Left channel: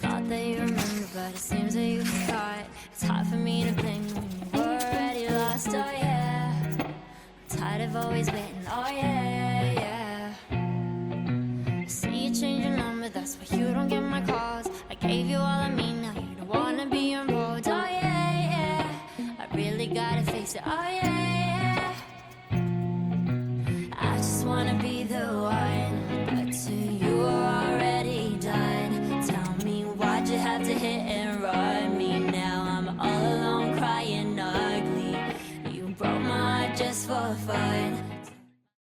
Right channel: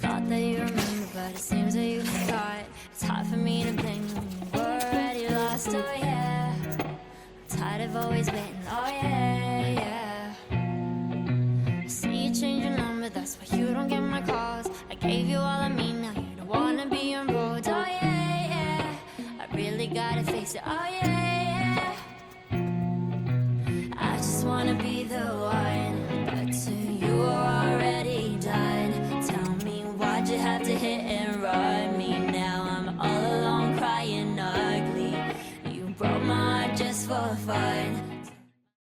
Thought that you remember, but it seems that you forgot. It's hard for me to blame you when you were already lost, oh yeah. I'm tired of always waiting, oh yeah, yeah. I see you change your number, that's why you don't get my calls. I gave you all of me, now you don't wanna be involved, oh yeah, yeah. I really gotta face it, oh yeah, yeah. I just wanna be the one, but to you are already done. Tell me why'd you have to hit and run me? Now I'm all alone crying ugly. You broke my heart just for fun.